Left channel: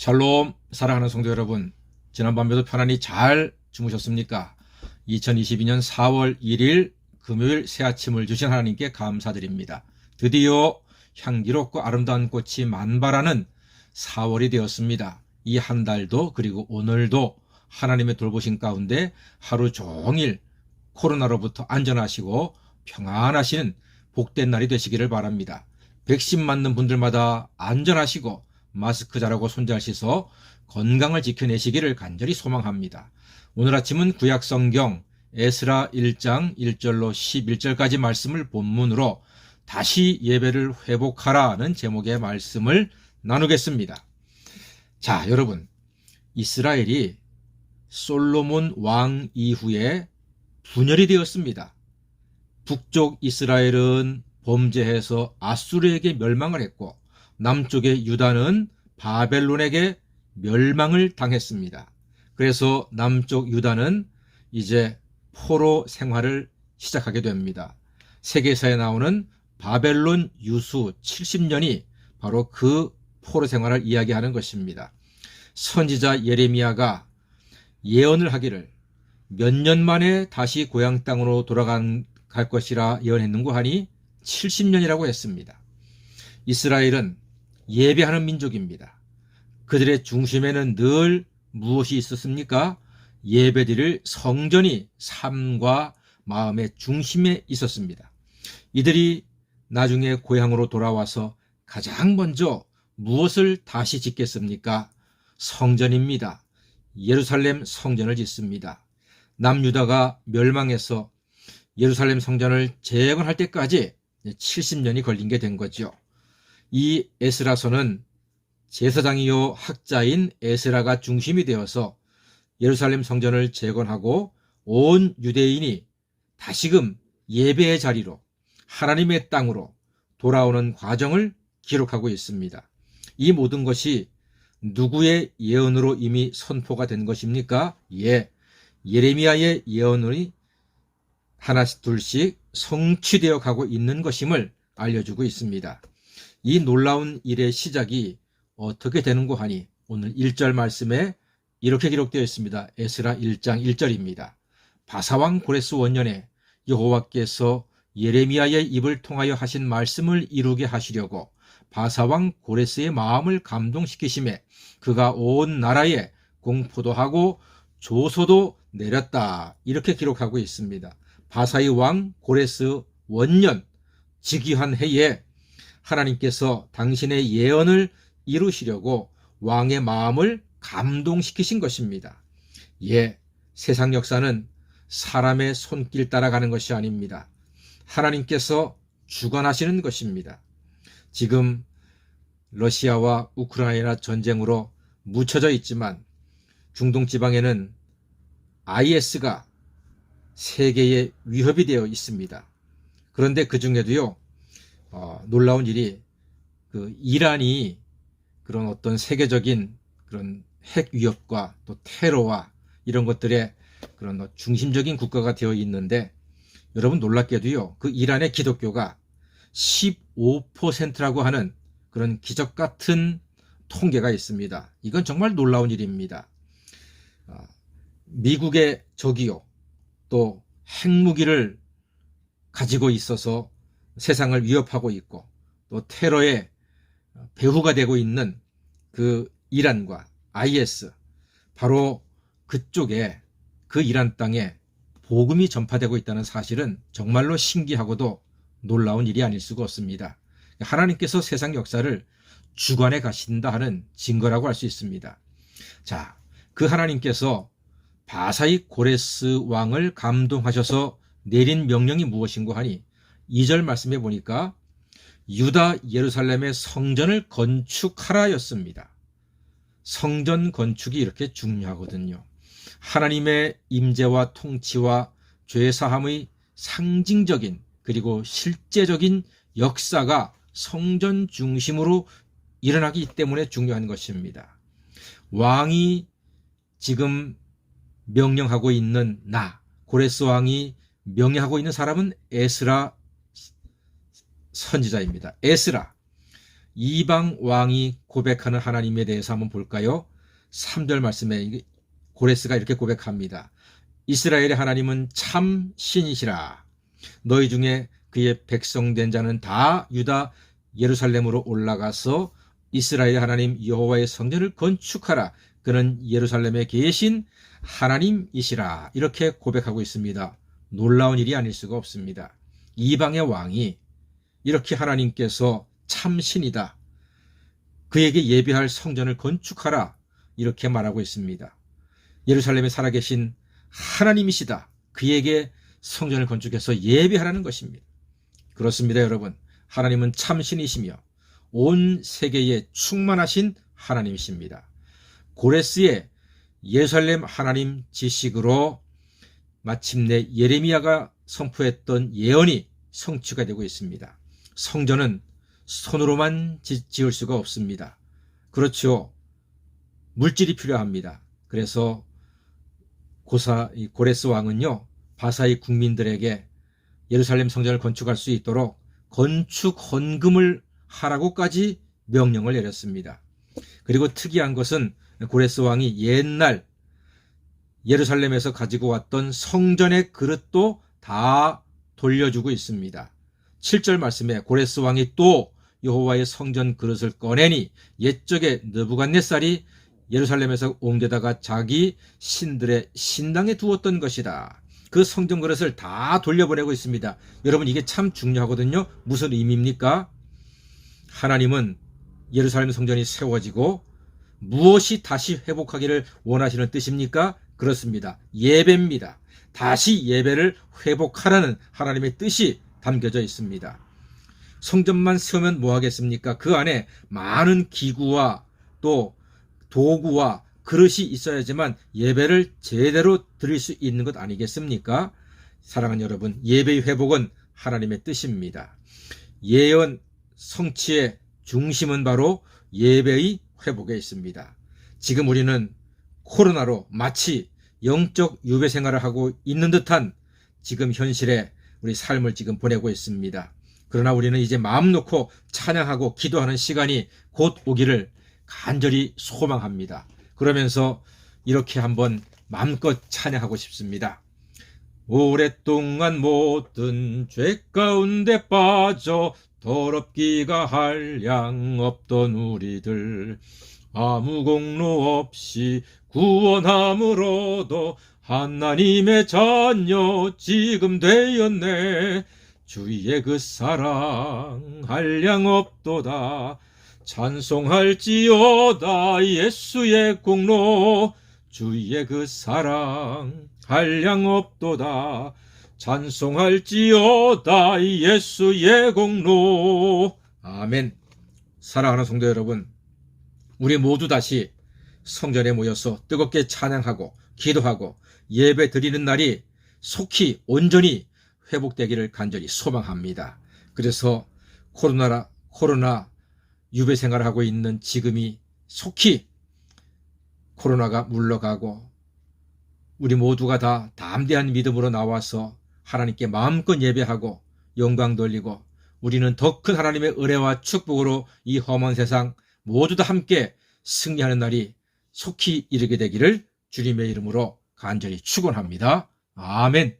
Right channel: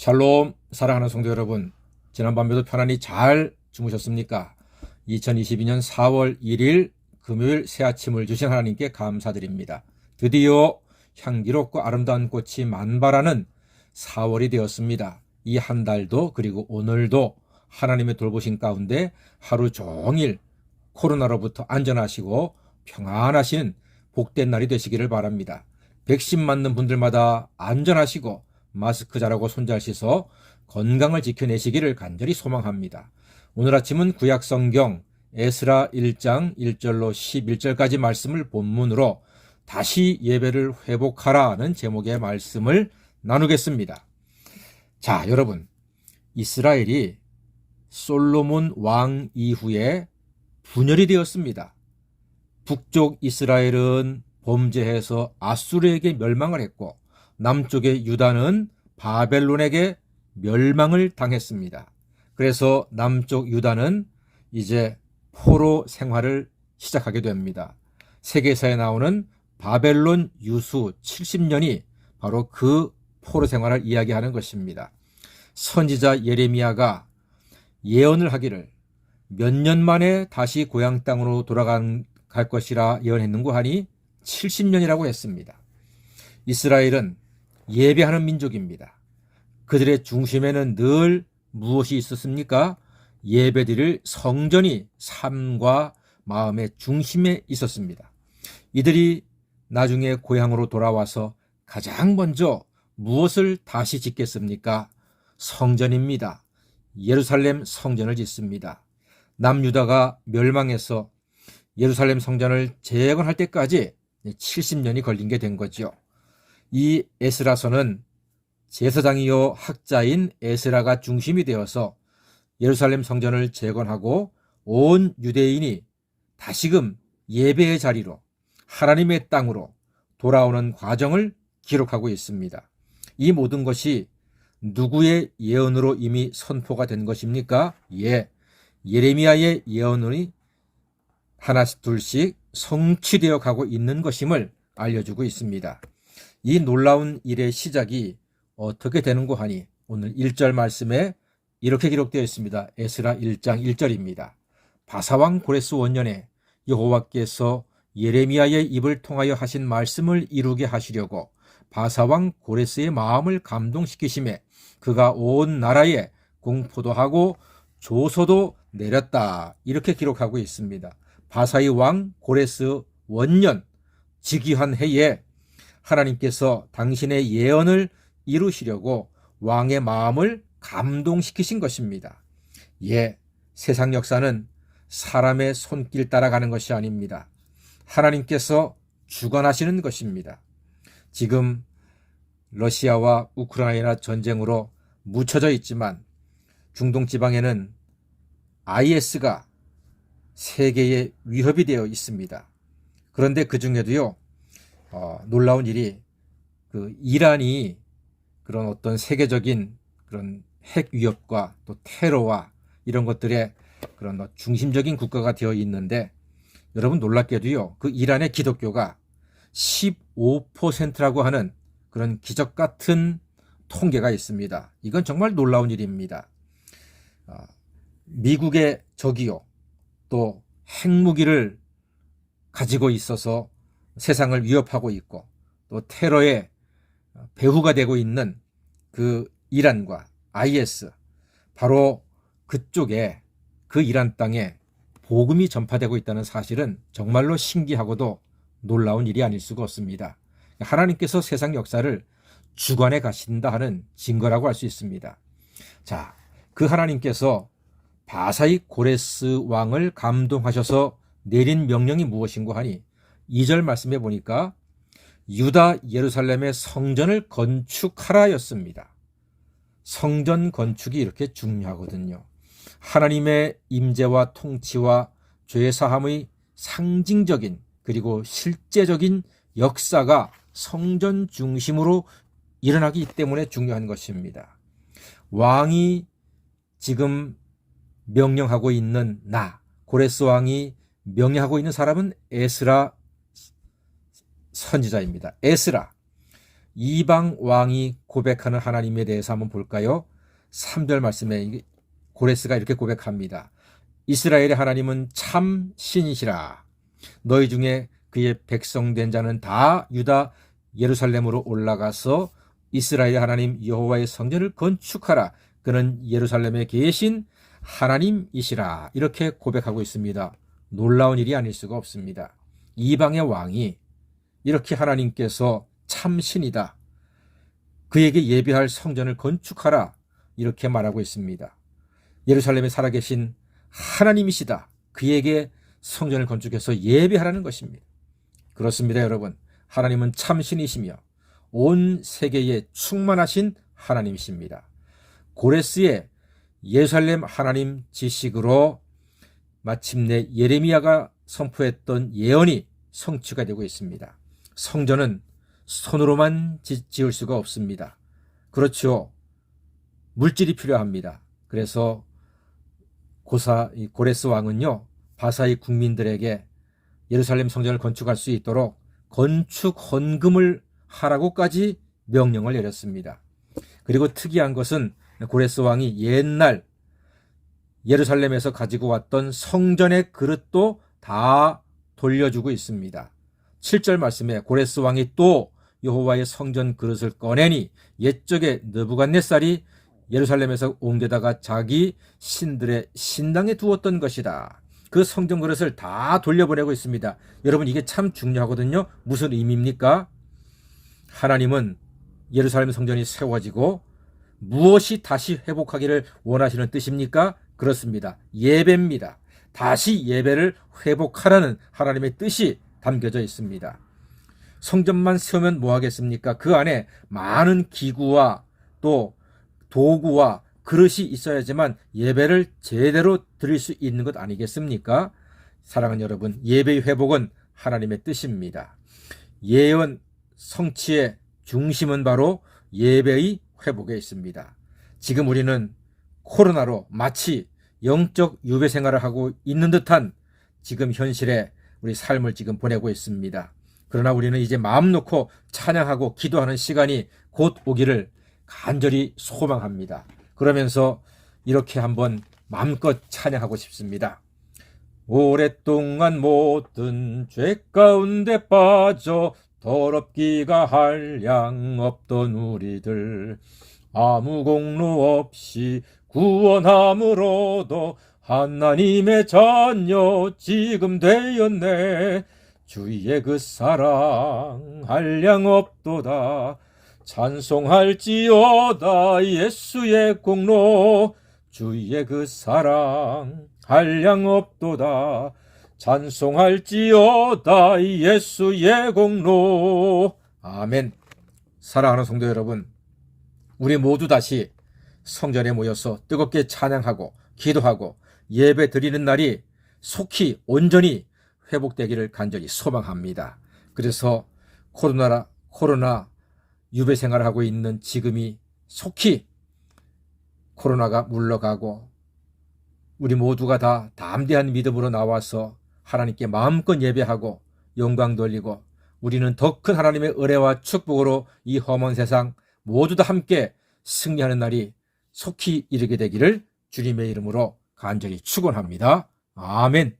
샬롬, 사랑하는 성도 여러분, 지난밤에도 편안히 잘 주무셨습니까? 2022년 4월 1일 금요일 새 아침을 주신 하나님께 감사드립니다. 드디어 향기롭고 아름다운 꽃이 만발하는 4월이 되었습니다. 이 한 달도 그리고 오늘도 하나님의 돌보신 가운데 하루 종일 코로나로부터 안전하시고 평안하시는 복된 날이 되시기를 바랍니다. 백신 맞는 분들마다 안전하시고 마스크 잘하고 손 잘 씻어 건강을 지켜내시기를 간절히 소망합니다. 오늘 아침은 구약성경 에스라 1장 1절로 11절까지 말씀을 본문으로 다시 예배를 회복하라는 제목의 말씀을 나누겠습니다. 자, 여러분, 이스라엘이 솔로몬 왕 이후에 분열이 되었습니다. 북쪽 이스라엘은 범죄해서 아수르에게 멸망을 했고 남쪽의 유다는 바벨론에게 멸망을 당했습니다. 그래서 남쪽 유다는 이제 포로 생활을 시작하게 됩니다. 세계사에 나오는 바벨론 유수 70년이 바로 그 포로 생활을 이야기하는 것입니다. 선지자 예레미야가 예언을 하기를 몇 년 만에 다시 고향 땅으로 돌아갈 것이라 예언했는고 하니 70년이라고 했습니다. 이스라엘은 예배하는 민족입니다. 그들의 중심에는 늘 무엇이 있었습니까? 예배드릴 성전이 삶과 마음의 중심에 있었습니다. 이들이 나중에 고향으로 돌아와서 가장 먼저 무엇을 다시 짓겠습니까? 성전입니다. 예루살렘 성전을 짓습니다. 남유다가 멸망해서 예루살렘 성전을 재건할 때까지 70년이 걸린 게 된 거죠. 이 에스라서는 제사장이요 학자인 에스라가 중심이 되어서 예루살렘 성전을 재건하고 온 유대인이 다시금 예배의 자리로 하나님의 땅으로 돌아오는 과정을 기록하고 있습니다. 이 모든 것이 누구의 예언으로 이미 선포가 된 것입니까? 예레미야의 예언이 하나씩 둘씩 성취되어 가고 있는 것임을 알려주고 있습니다. 이 놀라운 일의 시작이 어떻게 되는고 하니 오늘 1절 말씀에 이렇게 기록되어 있습니다. 에스라 1장 1절입니다. 바사왕 고레스 원년에 여호와께서 예레미야의 입을 통하여 하신 말씀을 이루게 하시려고 바사왕 고레스의 마음을 감동시키심에 그가 온 나라에 공포도 하고 조소도 내렸다. 이렇게 기록하고 있습니다. 바사의 왕 고레스 원년 즉위한 해에 하나님께서 당신의 예언을 이루시려고 왕의 마음을 감동시키신 것입니다. 세상 역사는 사람의 손길 따라가는 것이 아닙니다. 하나님께서 주관하시는 것입니다. 지금 러시아와 우크라이나 전쟁으로 묻혀져 있지만 중동 지방에는 IS가 세계의 위협이 되어 있습니다. 그런데 그 중에도요, 놀라운 일이 이란이 그런 어떤 세계적인 그런 핵 위협과 또 테러와 이런 것들의 그런 중심적인 국가가 되어 있는데 여러분 놀랍게도요, 그 이란의 기독교가 15%라고 하는 그런 기적 같은 통계가 있습니다. 이건 정말 놀라운 일입니다. 미국의 적이요, 또 핵무기를 가지고 있어서 세상을 위협하고 있고 또 테러의 배후가 되고 있는 그 이란과 IS, 바로 그쪽에 그 이란 땅에 복음이 전파되고 있다는 사실은 정말로 신기하고도 놀라운 일이 아닐 수가 없습니다. 하나님께서 세상 역사를 주관해 가신다 하는 증거라고 할 수 있습니다. 자, 그 하나님께서 바사의 고레스 왕을 감동하셔서 내린 명령이 무엇인고 하니 2절 말씀해 보니까 유다 예루살렘의 성전을 건축하라였습니다. 성전 건축이 이렇게 중요하거든요. 하나님의 임재와 통치와 죄사함의 상징적인 그리고 실제적인 역사가 성전 중심으로 일어나기 때문에 중요한 것입니다. 왕이 지금 명령하고 있는 고레스 왕이 명령하고 있는 사람은 에스라 선지자입니다. 에스라, 이방 왕이 고백하는 하나님에 대해서 한번 볼까요? 3절 말씀에 고레스가 이렇게 고백합니다. 이스라엘의 하나님은 참 신이시라. 너희 중에 그의 백성된 자는 다 유다 예루살렘으로 올라가서 이스라엘의 하나님 여호와의 성전을 건축하라. 그는 예루살렘에 계신 하나님이시라. 이렇게 고백하고 있습니다. 놀라운 일이 아닐 수가 없습니다. 이방의 왕이 이렇게 하나님께서 참신이다, 그에게 예배할 성전을 건축하라, 이렇게 말하고 있습니다. 예루살렘에 살아계신 하나님이시다, 그에게 성전을 건축해서 예배하라는 것입니다. 그렇습니다, 여러분. 하나님은 참신이시며 온 세계에 충만하신 하나님이십니다. 고레스의 예루살렘 하나님 지식으로 마침내 예레미야가 선포했던 예언이 성취가 되고 있습니다. 성전은 손으로만 지을 수가 없습니다. 그렇죠. 물질이 필요합니다. 그래서 고레스 왕은요, 바사의 국민들에게 예루살렘 성전을 건축할 수 있도록 건축 헌금을 하라고까지 명령을 내렸습니다. 그리고 특이한 것은 고레스 왕이 옛날 예루살렘에서 가지고 왔던 성전의 그릇도 다 돌려주고 있습니다. 7절 말씀에 고레스 왕이 또 여호와의 성전 그릇을 꺼내니 옛적에 느부갓네살이 예루살렘에서 옮겨다가 자기 신들의 신당에 두었던 것이다. 그 성전 그릇을 다 돌려보내고 있습니다. 여러분, 이게 참 중요하거든요. 무슨 의미입니까? 하나님은 예루살렘 성전이 세워지고 무엇이 다시 회복하기를 원하시는 뜻입니까? 그렇습니다. 예배입니다. 다시 예배를 회복하라는 하나님의 뜻이 담겨져 있습니다. 성전만 세우면 뭐 하겠습니까? 그 안에 많은 기구와 또 도구와 그릇이 있어야지만 예배를 제대로 드릴 수 있는 것 아니겠습니까? 사랑하는 여러분, 예배의 회복은 하나님의 뜻입니다. 예언 성취의 중심은 바로 예배의 회복에 있습니다. 지금 우리는 코로나로 마치 영적 유배 생활을 하고 있는 듯한 지금 현실에 우리 삶을 지금 보내고 있습니다. 그러나 우리는 이제 마음 놓고 찬양하고 기도하는 시간이 곧 오기를 간절히 소망합니다. 그러면서 이렇게 한번 마음껏 찬양하고 싶습니다. 오랫동안 모든 죄 가운데 빠져 더럽기가 한량 없던 우리들, 아무 공로 없이 구원함으로도 하나님의 자녀 지금 되었네. 주의 그 사랑 한량 없도다. 찬송할지어다 예수의 공로. 주의 그 사랑 한량 없도다. 찬송할지어다 예수의 공로. 아멘. 사랑하는 성도 여러분, 우리 모두 다시 성전에 모여서 뜨겁게 찬양하고 기도하고 예배 드리는 날이 속히 온전히 회복되기를 간절히 소망합니다. 그래서 코로나 유배 생활을 하고 있는 지금이 속히 코로나가 물러가고 우리 모두가 다 담대한 믿음으로 나와서 하나님께 마음껏 예배하고 영광 돌리고 우리는 더 큰 하나님의 은혜와 축복으로 이 험한 세상 모두 다 함께 승리하는 날이 속히 이르게 되기를 주님의 이름으로 간절히 축원합니다. 아멘.